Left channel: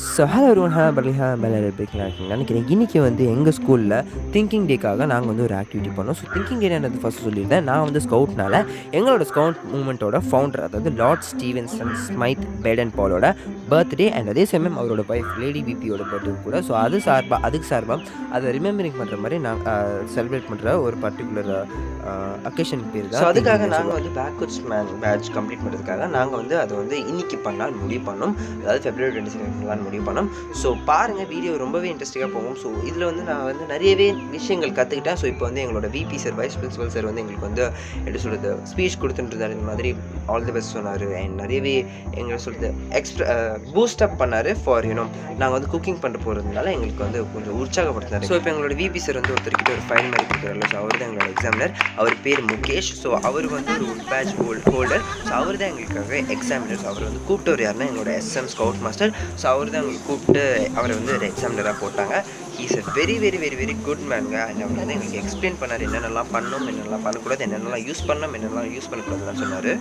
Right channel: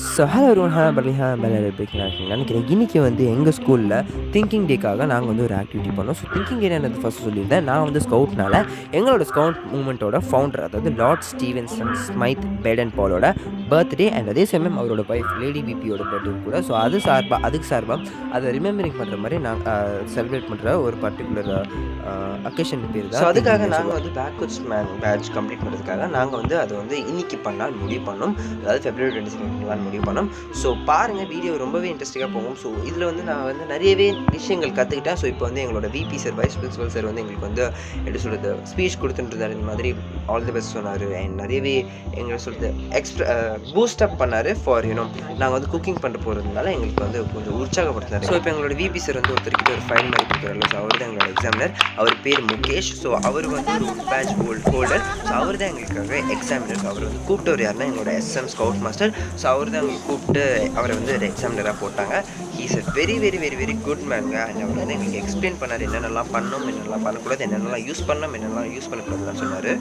So hello everyone, நினைக்கிறேன். இன்றைக்கி வந்து எங்கள் ஸ்கூலில் திங்கிங் டேக்காக நாங்கள் வந்து ஒரு ஆக்டிவிட்டி பண்ணோம். ஸோ திங்கிங் டே என்னது ஃபஸ்ட்டு சொல்லியிருந்தேன். நான் வந்து ஸ்கவுட்னால எங்களோட ஸ்கவுட் மூமெண்ட்டோட ஃபவுண்டர், அதாவது லார்ட் ஸ்டீவன்சன் ஸ்மைத் பேடன் பாலோட பர்த்டே அண்ட் அதே சமயம் அவரோட ஒய்ஃப் லேடி பிபியோட பர்த்டே கூட. ஸோ அதுக்கு சார்பாக அதை ரிமெம்பரிங் பண்ணுற மாதிரி நாங்கள் செலிப்ரேட் பண்ணுற ஒரு பர்டிகுலர் அக்கேஷன் பேர் தான். ஸோ அதுக்காக நாங்கள் வந்து பேக்வர்ட்ஸ் மேன் பேட்ச் கம்ப்ளீட் பண்ணுறதுக்காக நாங்கள் வந்து அதை வந்து இன்றைக்கி பண்ணால் முடிவு பண்ணோம். அதாவது February 22 பண்ணலான்னு முடிவு பண்ணோம். ஸோ பாருங்கள், வீடியோ ரொம்பவே இன்ட்ரெஸ்டிங்காக போகும். ஸோ இதில் வந்து நான் வந்து நிறையவே விஷயங்கள் கற்றுக்கிட்டேன். ஸோ இப்போ வந்து எங்களோட VP sir, vice principal sir வந்து எங்களுக்கு வந்து எப்படி சொல்கிறது ஸ்பீச் கொடுத்துட்டுருந்தார். இந்த மாதிரி ஆல் தி பெஸ்ட் சொன்னார். அண்ட் நிறையவே எங்களை சொல்கிறது பூஸ்டப் பண்ணார் ஃபார் நாங்கள் வந்து குக்கிங் பண்ண போகிறதுனால எங்களுக்கு வந்து கொஞ்சம் உற்சாகப்படுத்தினார். ஸோ இப்போ எங்களோட விபி சார் வந்து ஒருத்தர்கிட்ட ஒரு ஃபைல் மாதிரி கொடுக்குறாரு. ஸோ அவர் தான் எங்களோட எக்ஸாமினர். அவர் பேர் முகேஷ். ஸோ அவர் வந்து ஒரு பேட்ச் ஹோல்டர். ஸோ அவர் தான் எங்களுக்காக எக்ஸாமினர். ஸோ அவர் வந்து கூப்பிட்டவர் யாருன்னா எங்களோட SM ஸ்கவுட் மாஸ்டர். ஸோ அவர் தான் எங்களுக்கு கூப்பிட்டு அவரை வந்து ஒரு எக்ஸாமினராக போட்டாங்க. He is a very very very very good மேனுங்க. அண்ட் அவர் வந்து எங்களுக்கு எக்ஸ்பிளைன் பண்ணார் என்னென்னலாம் பண்ணணும், என்னென்னலாம் பண்ணக்கூடாது, என்னென்னலாம் யூஸ் பண்ணணும், என்னென்னலாம் யூஸ் பண்ணக்கூடாதுன்னு சொன்னார்.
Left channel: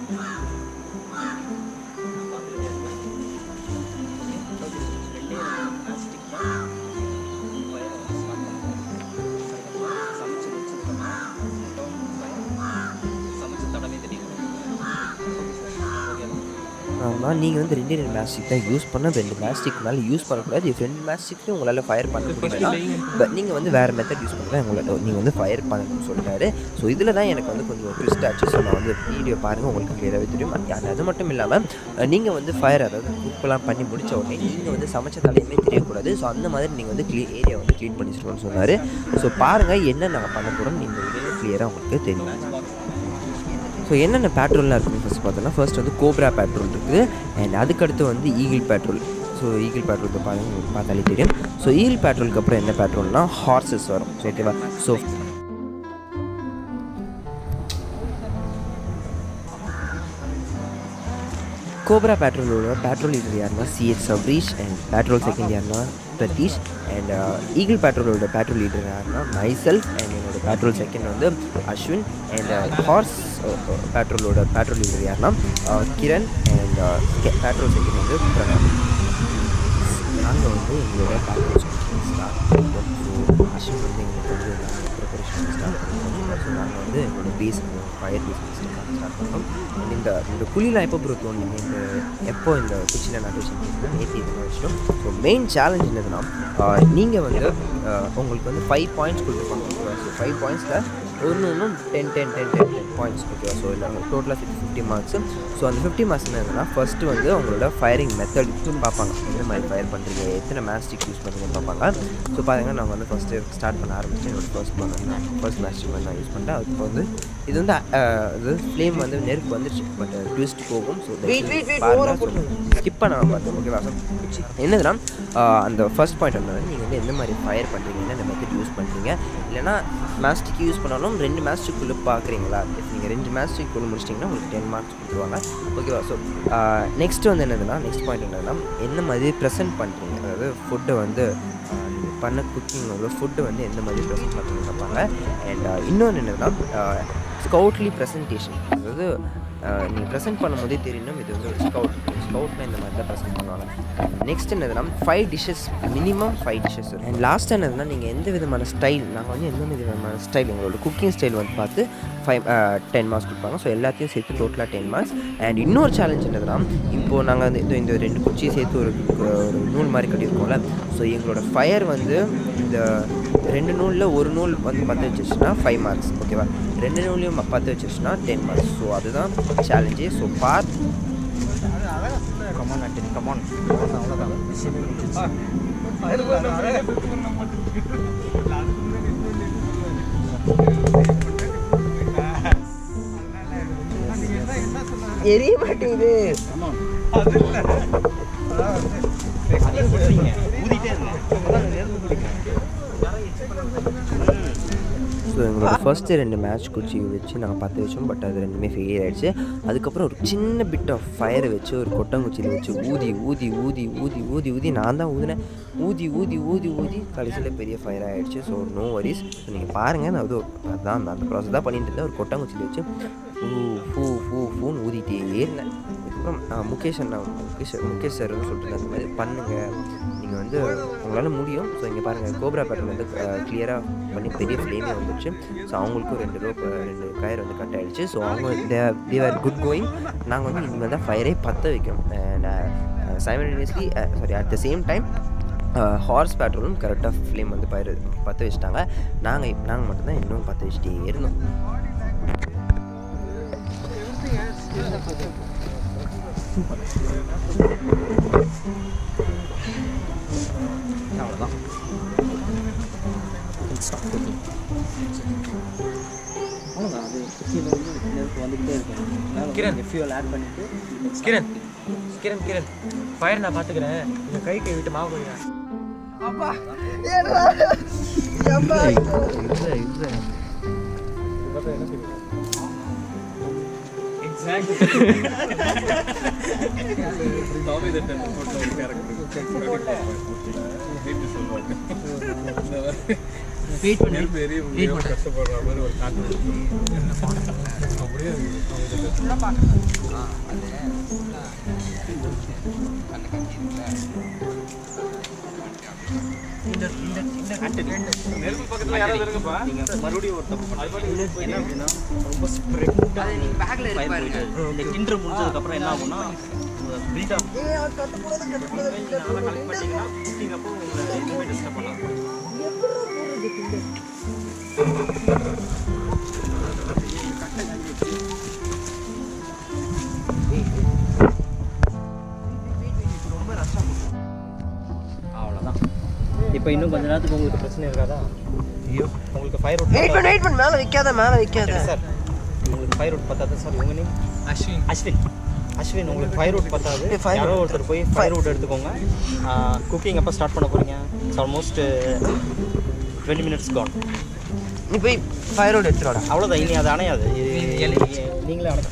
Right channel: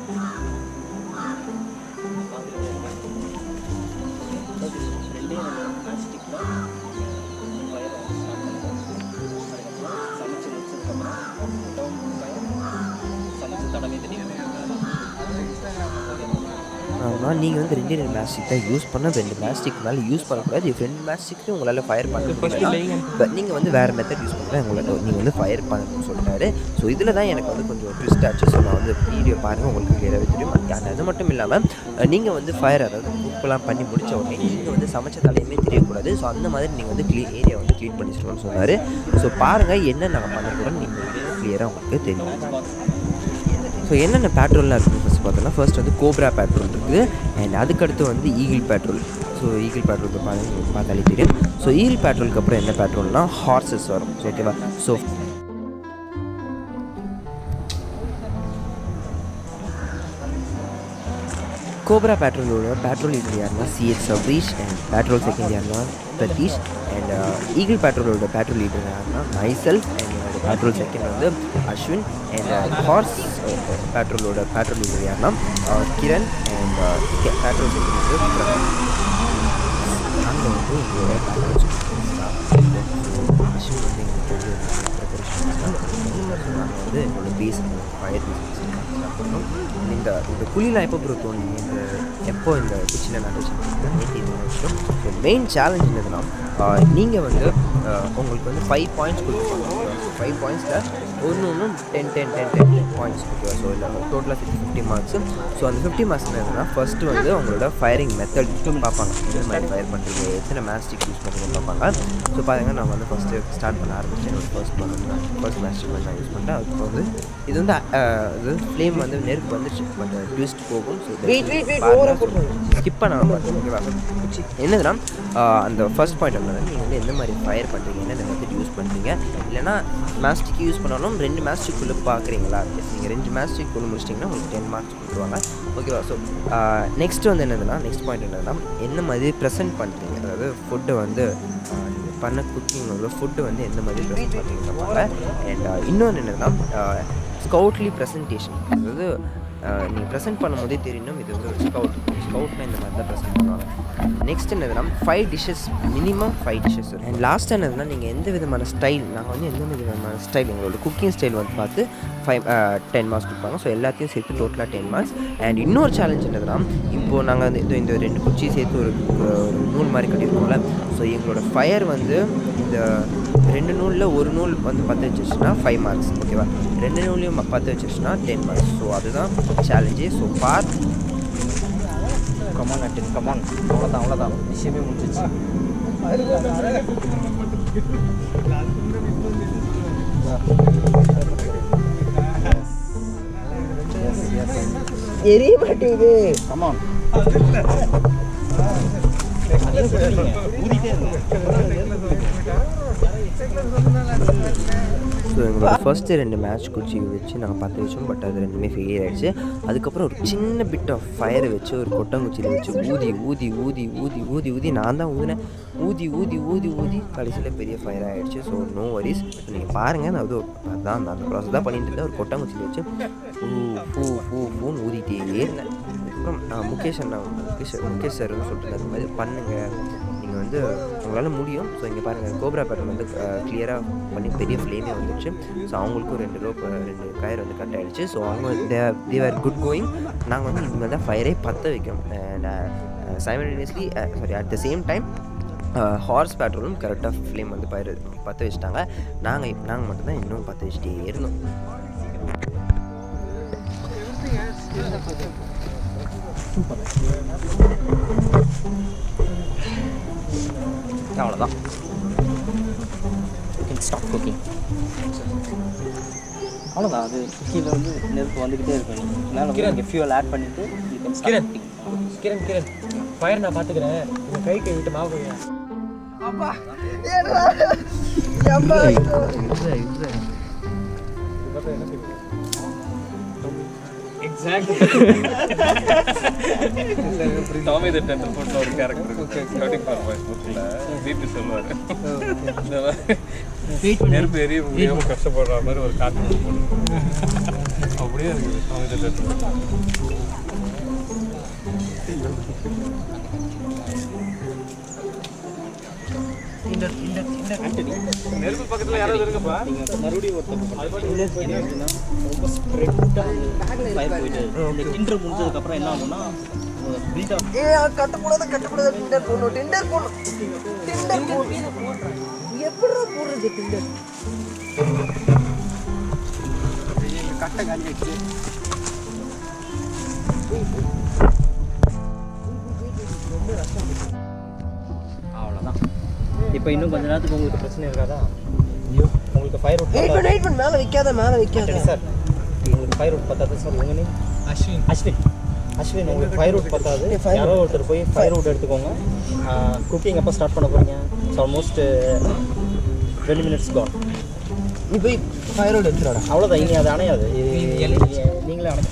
ஆனால் நீங்கள் வந்து 2 மேஸ்டிக் தான் யூஸ் பண்ண, 2 மேஸ்டிக் மேலே யூஸ் பண்ணக்கூடாது. 2 மேஸ்டிக்கு உங்களால் ஃபயர் பண்ண முடியல, பட் நீங்கள் வந்து வேறு மெத்தட் யூஸ் பண்ணுறேன் உங்களால் நீங்கள் வந்து ஃபயர் பண்ணணும்னு சொல்லிட்டாரு. ஸோ இதில் தான் எனக்கு வந்து கொஞ்சம் ட்விஸ்ட் ஆச்சு. ஸோ நான் வந்து வீடியோ பாருங்கள், உங்களுக்கு கிளியராகவே தெரியும். அது மட்டும் இல்லாமல் நீங்கள் வந்து ஃபயர், அதாவது குக்கெலாம் பண்ணி முடித்த உடனே நீங்கள் வந்து சமைச்ச தலையுமே தெரியக்கூடாது. ஸோ அந்த மாதிரி நீங்கள் வந்து ஏரியா வந்து க்ளீன் பண்ணி வச்சுருக்கோன்னு சொன்னார். ஸோ பாருங்கள் என்ன நாங்கள் பண்ண போகிறோம்னு நீங்கள் வீடியோ கிளியராக உங்களுக்கு தெரியும். ஸோ என்னென்ன பேட்ரோல்லாம் இருக்குதுன்னு ஃபஸ்ட் பார்த்தோன்னா, ஃபர்ஸ்ட் வந்து கோப்ரா பேட்ரோல் இருக்குது. அண்ட் அதுக்கடுத்து வந்து eagle patrol. So eagle patrol பாருங்கள், பார்த்தாலே தெரியும். ஸோ ஈகிள் பேட்ரோலுக்கு அப்புறம் என்ன பேட்ரோல்னால் ஹார்சஸ் வரும். ஸோ ஓகேவா. ஸோ கோப்ரா பேட்ரோலோட பேட்ரோல் லீடர் யாருன்னா CH Sabreesh. And patrol second யாருன்னா பிரதீஷ். அண்ட் ஈகிள் பேட்ரோலோட பேட்ரோல் லீடர் யாருன்னா மைசெல்ஃப். அண்ட் என்னோட பேட்ரோல் செகண்ட் வந்து அஸ்வின். அண்ட் ஹார்ஸ் பேட்ரோலோட பேட்ரோல் லீடர் யாருன்னா கிரண். அண்ட் பேட்ரோல் செகண்ட் வந்து பிரதம். நாங்கள் வந்து எங்களோட பேட்ரோல் ஸ்டார்ட் பண்ணிட்டோம். ஸோ அஸ்வின் வந்து எங்களுக்கு வந்து ப்ரிப்பரேஷன் ஸ்டார்ட் பண்ணிட்டோம். ஸோ நாங்கள் வந்து எங்களோட பேஸ் ஃபயர் பேஸ் ஸ்டார்ட் பண்ணோம். அண்ட் இந்த குழிலாம் எப்போ ப்ரோ தோணுங்க, எப்போ இந்த குச்சியில் நட்டு வச்சுருக்கீங்கன்னா நேற்று இது வச்சிட்டோம். ஸோ மெயின் சேலஞ்ச் என்னதுன்னா, நீங்கள் வந்து உங்களுக்கு வந்து 5 பாயிண்ட்ஸ் கொடுத்துருப்பாங்க. ஸோ 5 பாயிண்ட்ஸில் ஒன்றும் 10 பாயிண்ட்ஸ் ஓகேவா. ஸோ இல்லை டோட்டலாக 50 மார்க்ஸு. ஸோ அந்த 50 மார்க்ஸ் என்னதுன்னா, ஃபஸ்ட்டு வந்து அவங்களோட ஃபயரிங் மெத்தட் பார்ப்பாங்க. எந்த மாதிரி ஃபயர் பண்ணுறீங்க, எத்தனை மேஸ்டிக் யூஸ் பண்ணுறீங்கன்னு பார்ப்பாங்க. ஸோ பாருங்கள், நான் வந்து ஃபஸ்ட்டு ஸ்டார்ட் பண்ண ஆரம்பிச்சேன். என்னோடய ஃபர்ஸ்ட் மேஸ்டிக் வந்து நான் யூஸ் பண்ணிட்டேன். அதுக்கு வந்து இது வந்து இது ஃப்ளேம் வந்து நெருப்பு வந்துச்சு, பட் ட்விஸ்ட் போகும். ஸோ ஸ்கிப் பண்ண பார்த்தோம் ஓகேவா. ஸோ என்னதுன்னா, அந்த ஃபர்ஸ்ட் பாயிண்ட் என்னன்னா, நீங்கள் வந்து எந்த மாதிரி ஃபயர் பண்ணுறீங்க, என்னென்ன மெத்தட் யூஸ் பண்ணுறீங்க, இல்லைனா மேஸ்டிக் யூஸ் பண்ணாலும் 2 மேஸ்டிக்குள்ளே பார்க்குறீங்களா. நீங்கள் 2 மேஸ்டிக்குள்ளே முடிச்சிட்டிங்கன்னா உங்களுக்கு 10 மார்க்ஸ் கொடுத்துருவாங்க ஓகேவா. ஸோ நெக்ஸ்ட்டு வந்து என்னதுன்னா, நெக்ஸ்ட் பாயிண்ட் என்னதுன்னா, என்ன மாதிரி ப்ரெசென்ட் பண்ணுறீங்க, அதாவது ஃபுட்டை வந்து நீங்கள் பண்ண குக்கிங்கோட ஃபுட்டு வந்து எந்த மாதிரி ப்ரெசென்ட் பண்ணுறீங்கன்னு பார்ப்பாங்க. அண்ட் இன்னொன்று என்னதுன்னா, ஸ்கவுட்லி ப்ரெசன்டேஷன், அதாவது நீங்கள் ப்ரெசென்ட் பண்ணும்போதே தெரியணும் இது வந்து ஒரு ஸ்கவுட்னா இந்த மாதிரி தான் ப்ரெசென்ட் பண்ணுவாங்க. நெக்ஸ்ட் என்னதுன்னா 5 டிஷ்ஷஸ், மினிமம் 5 டிஷ்ஷஸ் வரும். அண்ட் லாஸ்ட் என்னதுன்னா, நீங்கள் எந்த விதமான ஸ்டைல், நாங்கள் வந்து எந்த விதமான ஸ்டைல், எங்களோட குக்கிங் ஸ்டைல் வந்து பார்த்து 10 மார்க்ஸ் கொடுப்பாங்க. ஸோ எல்லாத்தையும் சேர்த்து டோட்டலாக 10 மார்க்ஸ். அண்ட் இன்னொரு சேலஞ்ச் என்னதுன்னா, இப்போது நாங்கள் வந்து இந்த 2 குச்சி சேர்த்து ஒரு நூல் மாதிரி கட்டியிருக்கோம்ல. ஸோ எங்களோட ஃபயர் வந்து இந்த 2 நூலில் ஒரு நூல் வந்து 10 வச்சிருச்சுன்னா 5 மார்க்ஸ் ஓகேவா. 2 நூலையும் 10 வச்சிருச்சுன்னா 10 மார்க்ஸ். ஸோ அதுதான் சேலஞ்சு. ஸோ பார்த்து கமான் அட்டன் கமான், அவ்வளோதான் விஷயமே முடிஞ்சிச்சு. எரிய மாட்டேங்குது. கமான் ஸோ எங்களோட ஃபர்ஸ்ட்டு 2 மேட்ச் குச்சி வச்சு நாங்கள் 10 வச்சோம். பட் அது 2மே ஃபெயிலியர் ஆகிடுச்சு. அதுக்கப்புறம் ஒரு சின்ன பிட் ஆஃப் ஃபயரை வச்சு ஒரு கொட்டங்குச்சியில் வச்சு ஊதி நான் தான் ஊதினேன். ஊதி கடைசியில் பெரிய ஃபயர் ஆகிடுச்சு. So no worries. ஸோ நீங்கள் பாருங்கள், நான் அதுதான் அந்த ப்ராசஸ் தான் பண்ணிட்டு இருந்தேன். ஒரு கொட்டங்குச்சியில் வச்சு ஃபூன்னு ஊதிட்டே இருந்தேன். அதுக்கப்புறம் முகேஷ் சார் வந்து சொல்லிட்டு அந்த மாதிரி பண்ணுங்கள், நீங்கள் வந்து உங்களால் முடியும். ஸோ இங்கே பாருங்கள் கோப்ரா பேட்டர்ன் வந்து கிளியராக பண்ணி பெரிய ஃப்ளேமே வந்துடுச்சு. ஸோ அவங்களுக்கும் 2 கயர் வந்து கட் ஆகிடுச்சு. ஸோ அவங்க தேர் குட் கோயிங். நாங்கள் வந்து இனிமேல் தான் ஃபயரே பற்ற வைக்கும். And simultaneously at the same time horse பேட்ரோலும் கரெக்டாக ஃப்ளேம் வந்து பற்ற வச்சுட்டாங்க. நாங்கள் மட்டும்தான் இன்னும் பற்ற வச்சுட்டே இருந்தோம். அவ்வளோதான். Stop cooking. அவ்வளோதான். அது கீழே வந்து நெருப்பு வந்துக்கிட்டே இருக்கும். மேலே ஃபியூல் ஆட் பண்ணிவிட்டு கிரண் ஃபயர் நான் பார்த்துக்கிறேன். எங்கள் கை விட்டு மாவு போய் டாமி தி டெண்டர் போட்ட ஒரு கேரக்டர் வீட்டு சொல்லுவாரு. நெருப்பு எரிய முடியாம கஷ்டப்படுற மாதிரி ஒரு காட்டு அப்படியே இருக்குது டாமி தி டெண்டர். நெருப்பு பக்கத்துல யாராவது இருக்குப்பா. நீங்க மறுபடியும் ஒரு தப்பு பண்ணுங்க. ரொம்ப ஸ்ப்ரெட்டா ஃபயர் போயிட்டு இந்த கிண்டர் முடிஞ்சதுக்கு அப்புறம் என்ன ஆகும்னா பில்ட் அப் கட்டக்கூடாது டிண்டர் போடுறது டிண்டர் கட்ட காலி வச்சு ரொம்ப கஷ்டம். அவ்வளோதான். இப்போ இன்னும் கொஞ்ச நேரத்துக்கு உங்களுக்கு பிரச்சனை இருக்காதா? ஐயோ உங்களுக்கு ஃபயர் அவுட் மேலே வைக்காத சார். உங்களுக்கு ஃபயர் அவுட் பத்தாது சார். உங்கள் நேம் அஸ்வின். உங்களுக்கு ஃபயர் அவுட் பத்தாது. யாரோ ஒருத்தர் போய் ஃபயர் அவுட் எடுத்துக்கோங்க. குக்கிங் எப்போ ஸ்டார்ட் பண்ண போகிறீங்க? Almost 20 minutes gone. நீ போய் ஃபயர் அவுட் எடுத்துடா. அவ்வளோதான். இனி அது அணையாது. நீங்களே அணைக்க.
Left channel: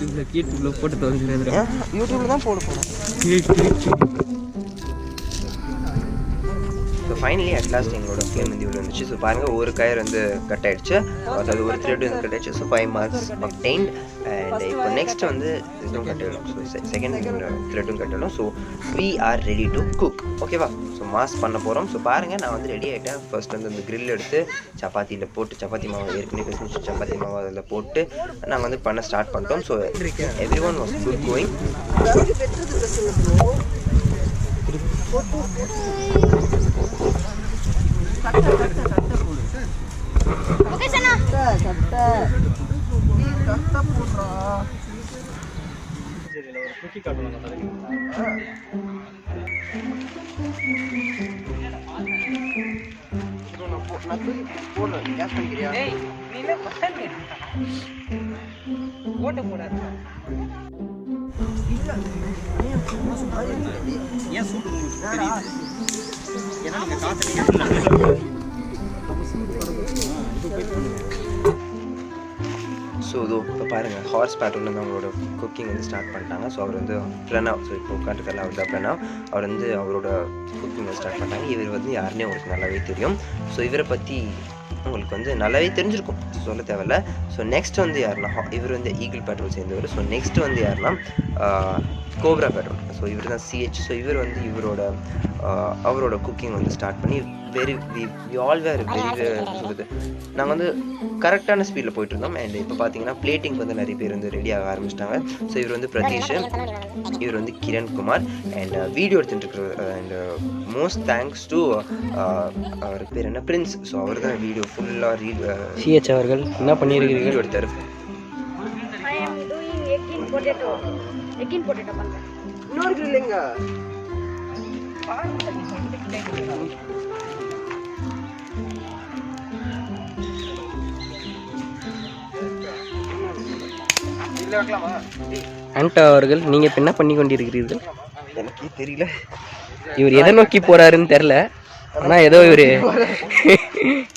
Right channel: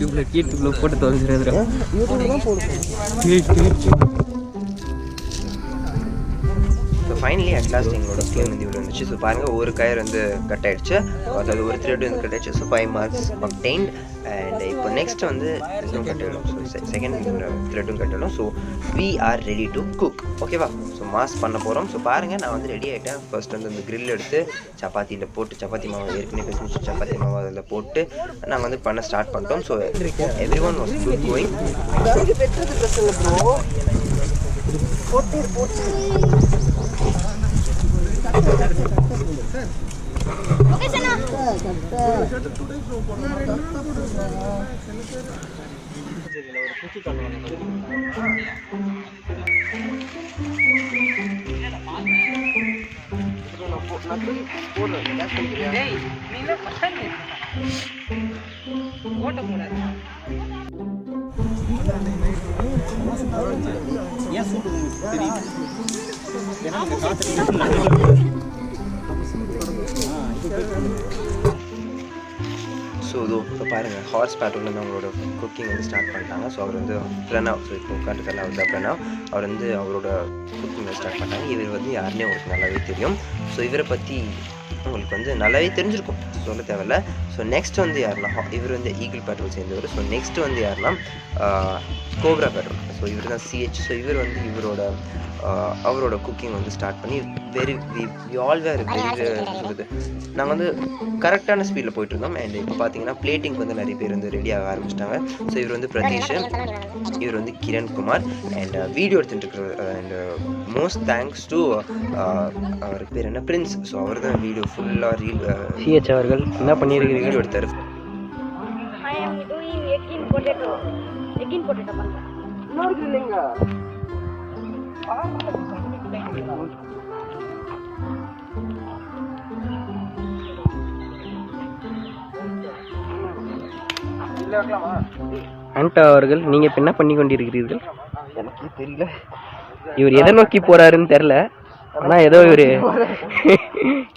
யூடியூப்ல போட்டு தொலைஞ்சிருக்கா? யூடியூப்ல தான் போடுவோம். ஸோ ஃபைனலி அட்லாஸ்ட் எங்களோட ஃப்ளேம் வந்து இவ்வளோ வந்துச்சு. ஸோ பாருங்கள் ஒரு கயர் வந்து கட் ஆகிடுச்சு, அதாவது ஒரு த்ரெட் வந்து கட் ஆகிடுச்சு. So 5 marks obtained. அண்ட் இப்போ நெக்ஸ்ட் வந்து இதுவும் கட் ஆகிடும். ஸோ செகண்ட் த்ரெட்டும் கட் ஆகிடும். So we are ready to cook. ஓகேவா? ஸோ மாஸ் பண்ண போகிறோம். ஸோ பாருங்கள் நான் வந்து ரெடி ஆகிட்டேன். ஃபர்ஸ்ட் வந்து அந்த கிரில் எடுத்து சப்பாத்தியில் போட்டு சப்பாத்தி மாவு ஏற்கனவே பேசி சப்பாத்தி மாவு அதில் போட்டு நாங்கள் வந்து பண்ண ஸ்டார்ட் பண்ணிட்டோம். So every one was good going. ஏன் சூட்டு தெரியுது? ஏன்னா நீங்கள் காற்று ஸோ இதோ இப்போ பாருங்கள் ஹார்ஸ் பேட்ரோல் வந்து அவங்களோட குக்கிங் வந்து ஸ்டார்ட் பண்ணிட்டாங்க. ஸோ அவர் வந்து பிரணவ், ஸோ இப்போ உட்காந்துருக்கல அவர் தான் பிரணவ். அவர் வந்து அவரோட குக்கிங் வந்து ஸ்டார்ட் பண்ணிட்டாங்க. இவர் வந்து யாருன்னே உங்களுக்கு நல்லாவே தெரியும். ஸோ இவரை பற்றி உங்களுக்கு வந்து நல்லாவே தெரிஞ்சிருக்கும், சொல்ல தேவையில்ல. ஸோ நெக்ஸ்ட் வந்து யாருன்னா இவர் வந்து ஈகிள் பேட்ரோல் சேர்ந்தவர். ஸோ நெக்ஸ்ட் வந்து யாருன்னா கோப்ரா பேட்ரோல். ஸோ இவர் தான் சிஹெச். ஸோ இவர் வந்து அவரோட குக்கிங் வந்து ஸ்டார்ட் பண்ணி சொல்லுது நாங்கள் வந்து கரெக்டான ஸ்பீடில் போயிட்டு இருந்தோம். அண்ட் இப்போ பார்த்தீங்கன்னா பிளேட்டிங் வந்து நிறைய பேர் வந்து ரெடி ஆக ஆரம்பிச்சிட்டாங்க. ஸோ இவர் வந்து பிரதீஷ், இவர் வந்து கிரண் குமார் அண்ட் வீடியோ எடுத்துகிட்டு இருக்கிற. அண்ட் மோஸ்ட் தேங்க்ஸ் டு அவருக்கு பேர் என்ன பிரின்ஸ். ஸோ அவர் தான் வீடியோ ஃபுல்லாக சிஹெச் அவர்கள் என்ன பண்ணி வீடியோ எடுத்தார். இன்னொரு இல்லைங்க ஆண்டா அவர்கள் நீங்கள் இப்போ என்ன பண்ணி கொண்டிருக்கிறீர்கள்? எனக்கே தெரியல. இவர் எதை நோக்கி போறாருன்னு தெரில. ஆனால் ஏதோ இவர்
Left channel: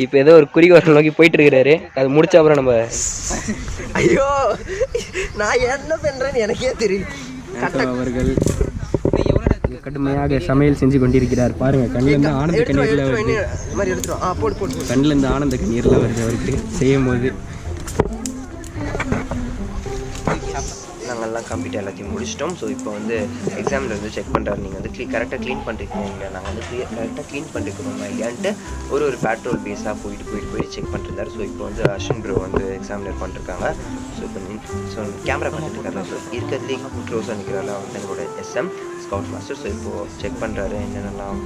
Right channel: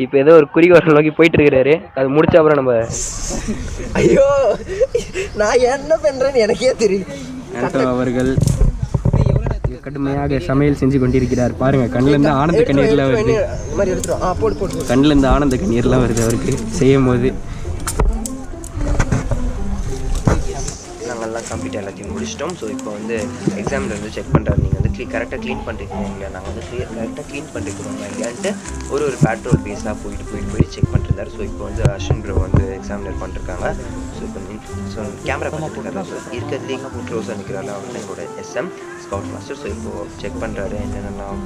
இப்போ ஏதோ ஒரு குறிக்கோள் நோக்கி போயிட்டு இருக்கிறாரு. அது முடிச்ச அப்புறம் நம்ம ஐயோ நான் என்ன பண்ணுறேன்னு எனக்கே தெரியல. ஆண்டா அவர்கள் கடுமையாக சமையல் செஞ்சு கொண்டிருக்கிறார். பாருங்க, கண்ணிலேருந்து ஆனந்த கண்ணீர்லாம் வருது. கண்ணிலேருந்து ஆனந்த கண்ணீர்லாம் வருது அவருக்கு செய்யும் போது. கம்ப்ளீட் எல்லாத்தையும் முடிச்சிட்டோம். ஸோ இப்போ வந்து எக்ஸாமில் வந்து செக் பண்ணுறாரு, நீங்கள் வந்து கரெக்டாக க்ளீன் பண்ணிருக்கீங்க இல்லையா, நாங்கள் வந்து கரெக்டாக க்ளீன் பண்ணிருக்கிறோமா இல்லையான்ட்டு ஒரு பேட்ரோல் பேஸாக போயிட்டு செக் பண்ணிருந்தார். ஸோ இப்போ வந்து அஸ்வின் ப்ரோ வந்து எக்ஸாமினர் பண்ணிருக்காங்க. ஸோ இப்போ கேமரா பார்த்துட்டு இருக்காரு. ஸோ இருக்கிறதுலே க்ளோஸாக நிற்கிறாரு அவர் தான் எங்களோட எஸ்எம் ஸ்கவுட் மாஸ்டர். ஸோ இப்போது செக் பண்ணுறாரு என்னென்னலாம்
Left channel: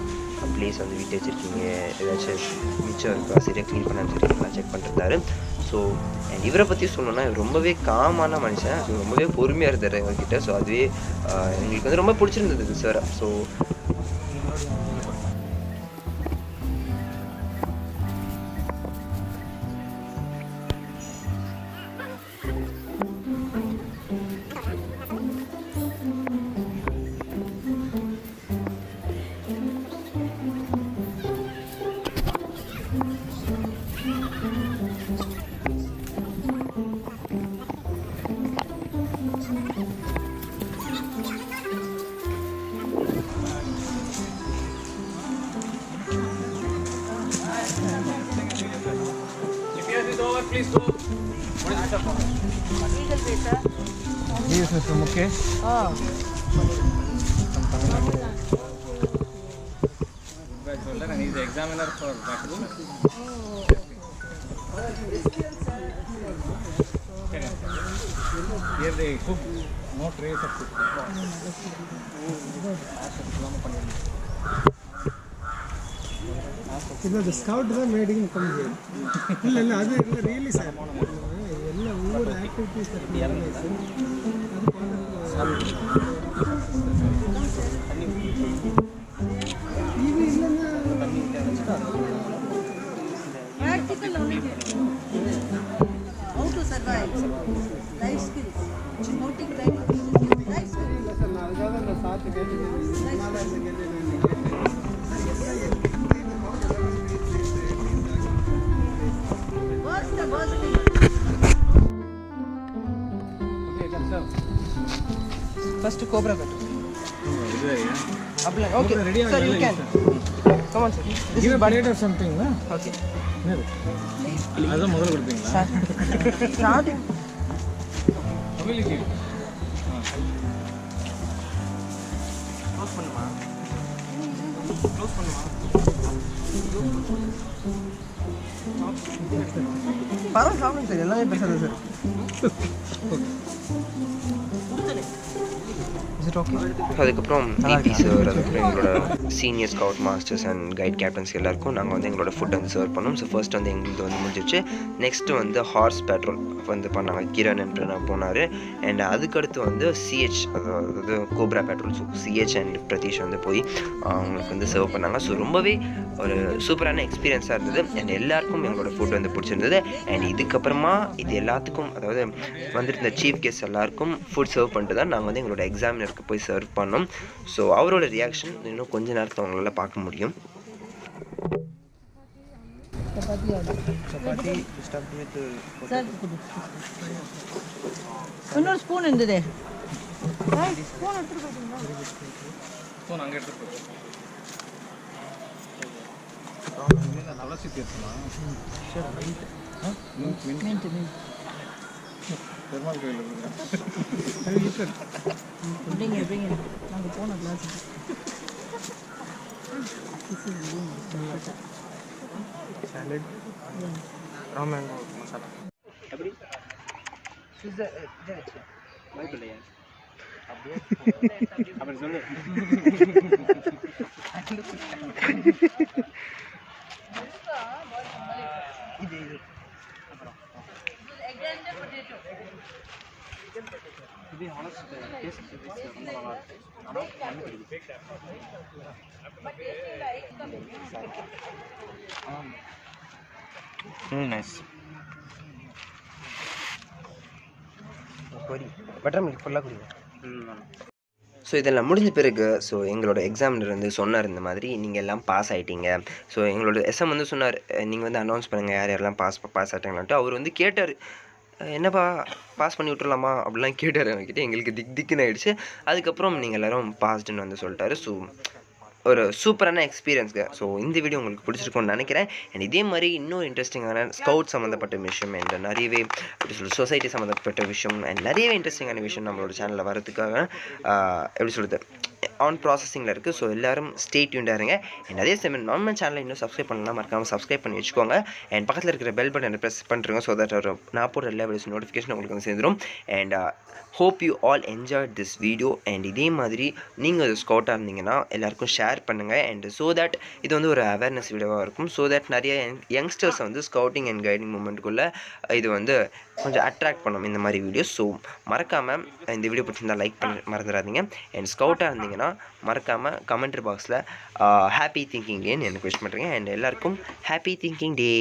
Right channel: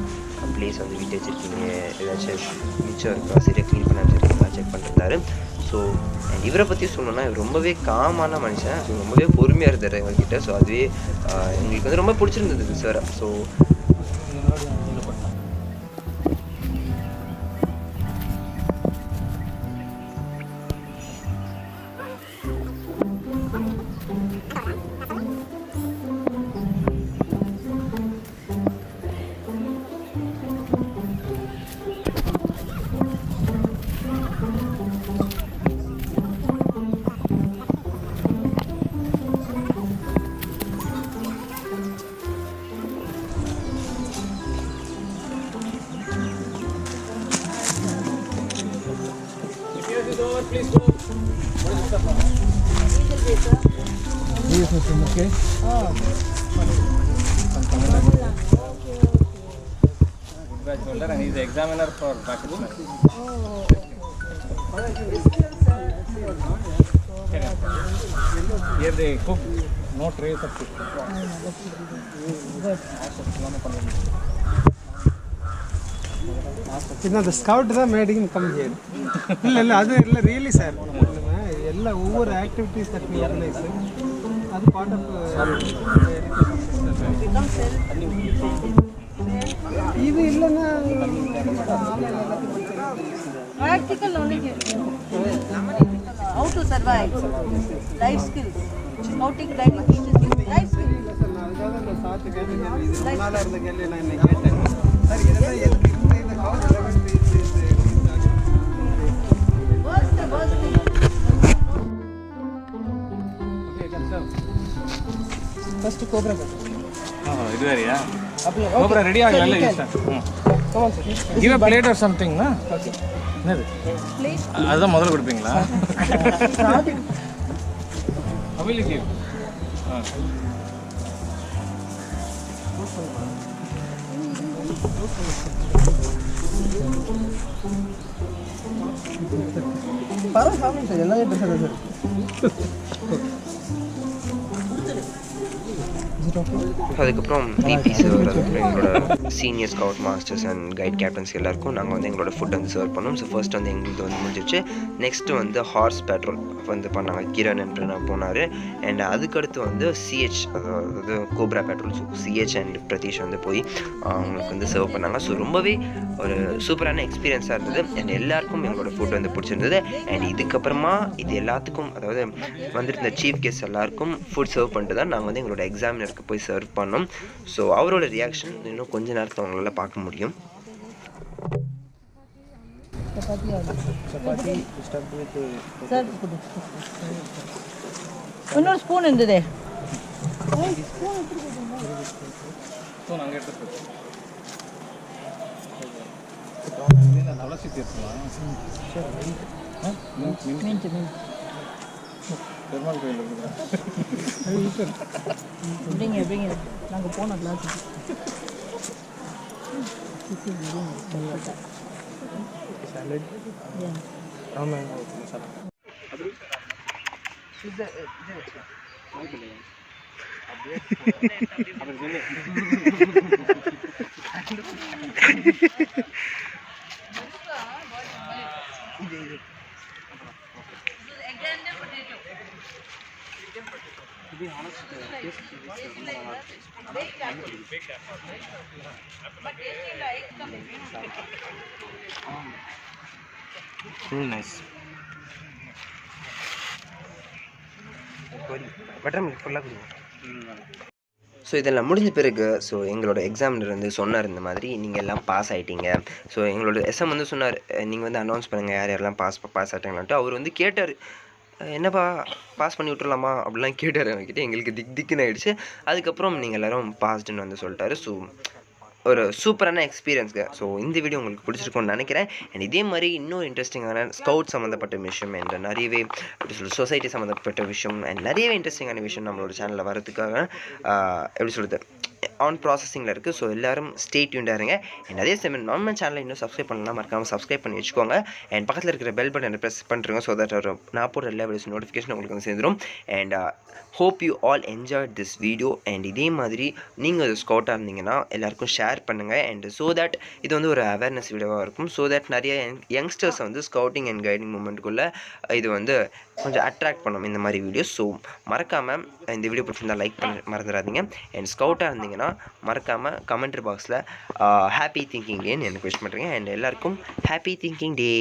ப்ளேஸ் வந்து விட்டு வச்சுருக்கீங்க, ஏதாச்சும் மிச்சம் இருக்கா, சரியாக க்ளீன் பண்ண வச்சுருக்கீங்களா செக் பண்ணிருந்தாரு. ஸோ அண்ட் இவரை பற்றி சொல்லணும்னா இவர் ரொம்பவே காமான மனுஷன். ஸோ ரொம்பவே பொறுமையாக இருந்தார் எங்ககிட்ட. ஸோ அதுவே எங்களுக்கு வந்து ரொம்ப பிடிச்சிருந்தது sir. So Please go. What is the stuff? Legal visa. Visa from okay. Good batch holder and he is the examiner for Backwoods. Here they cook, no trace of cook. The scout made him come here. Really, sir. Over activities that we organize. That's part of practical only. How to survive, life skills. Scouting training teaches you life skills. What's the worst thing? first Cobra. This is yeah. Cobra ready? Sir, you can. Come on, sir. Give a plate or something, na? Okay. Please. That's முதல்ல கொடுப்பீங்களா? Starting. How will you give? பரவாயில்ல சாப்பிடுங்க sir, எல்லாமே பெருசாக தான் sir. அதுக்கப்புறம் BP sir, அதுக்கப்புறம் எங்களோட senior scout masters and guide captains எல்லாருக்கும் நாங்கள் வந்து எங்களோட ஃபுட் வந்து சர்வ் பண்ணோம். ஸோ ஃபர்ஸ்ட் வந்து எங்களுக்கு வந்து முடிஞ்சிச்சு. நெக்ஸ்ட்டு வந்து ஹார்ஸ் பேட்ரோல் வந்து பண்ணாங்க, கிரண் என்று நான் போனார். அண்ட் அதுக்கடுத்து வந்து சிஹெச், அதாவது cobra patrol. So CH and Pratheesh வந்து போய் அவங்களுக்கு வந்து சர்வ் பண்ணாங்க. ஸோ ரொம்பவே ஒரு சூப்பரான எக்ஸ்பீரியன்ஸாக இருந்தது. அண்ட் எல்லாருக்கும் எங்களோட ஃபுட் வந்து பிடிச்சிருந்தது. அண்ட் இதுக்கப்புறமா இது எல்லாத்துக்கும், அதாவது வந்துருந்த சீஃப் கெஸ்ட் எல்லாருக்கும் ஃபுட் சர்வ் பண்ணிட்டு தான் நாங்கள் வந்து எங்களோட எக்ஸாமினருக்கு போய் சர்வ் பண்ணோம். ஸோ அவரோட ரியாக்ஷன் இன்னும் கொஞ்ச நேரத்தில் அவங்களால பார்க்க முடியும். இன்னொரு ஸ்பூன் இருந்ததே. ஸ்பூன் அங்கே எடுத்து துளசி தீர்த்தமா? பெருமாள் கோயில் கொடுக்குறேன். நாங்கள் போன கிளாஸுக்கு. Salad. Yeah. Ramen masala. Nice. Butter milk ஃபுல்லாக கொடுங்க. ஸோ இதெல்லாம் முடிஞ்ச பிறகு ஸோ எங்களோட எக்ஸாமினர் வந்து சொன்னார், இந்த மாதிரி நீங்கள் எல்லாம் பாஸ் ஆகிட்டீங்க. ஸோ எங்களோட எஸ்எம் வந்து சொன்னார், நீங்கள் வந்து அனௌன்ஸ் பண்ணுங்கள் யார் யாரெல்லாம் பாஸ் ஆகிட்டாங்களான்ட்டு. அவர் வந்து கேட்டார், என்னப்பா பாஸ் பண்ணி விட்டுறலாமா அப்படிலாம் கேட்டார். அவங்ககிட்ட எங்களுக்கு திக்குன்னு ஆகிடுச்சு. அதுக்கப்புறம் நீங்கள் எல்லோரும் பாஸ்டுன்னு வந்து சொல்லிட்டாரு. ஸோ ஒரு சூப்பரான எக்ஸ்பீரியன்ஸுங்க. ஸோ இந்த வீடியோ உங்களுக்கு பிடிச்சிருக்கும்னு நினைக்கிறேன். அண்ட் இதே மாதிரி இன்னும் இன்ட்ரெஸ்டிங்கான ஸ்கவுட் சம்மந்தப்பட்ட விஷயம் அண்ட் நிறையவே எப்படி சொல்கிறது சொசைட்டி சம்மந்தப்பட்ட விஷயம் அண்ட் நிறையவே இன்ட்ரெஸ்டிங்கான விஷயம் நம்மளோட சேனலில் வரதுக்காக எப்படி சொல்கிறது ஆன் ப்ராசஸிங்கில் இருக்குது. ஸோ எல்லோரும் ஸ்டே டியூன்டாக இருங்க. அண்ட் அதே சமயம் நம்ம சேனலை இன்னும் சப்ஸ்கிரைப் பண்ணலாம், மறக்காமல் சப்ஸ்கிரைப் பண்ணி வச்சுக்கோங்க. அண்ட் பக்கத்தில் இருக்கிற பெல் பட்டனை ப்ரெஸ் பண்ணுறோங்க. ஸோ தட் நான் போடுற எல்லா வீடியோஸ் நோட்டிஃபிகேஷன் உங்களுக்கு வந்து சேர்ந்துடும். And hope you all enjoy this video. And இதே மாதிரி நீங்கள் ஒரு ஸ்கவுட்டாக இருந்தீங்கன்னா எல்லாருக்கும் ஷேர் பண்ணுங்கள். அண்ட் ஸோ தட் இது வந்து ஒரு அவேர்னஸ் வீடியோவாக இருக்கும். ஸோ தட் நிறைய யங்ஸ்டர்ஸ் வந்து ஸ்கவுட்டிங் அண்ட் கைடிங் மூமெண்ட்டுக்குள்ளே இது வந்து கொஞ்சம் அட்ராக்ட் பண்ணும் இந்த மாதிரி வீடியோஸ். ஸோ மறக்காமல் இந்த வீடியோ பிடிச்சிருந்தால் லைக் பண்ண மறந்துடாதீங்க. அண்ட் ஸ்கவுட்டாக இருந்தீங்கன்னா மறக்காமல் கமெண்ட்ரி பாக்ஸில் ஹாப்பி திங்கிங் டேன்னு எனக்கு விஷ் பண்ணுறேங்க. அண்ட் எல்லாருக்கும் ஹாப்பி திங்கிங் டே.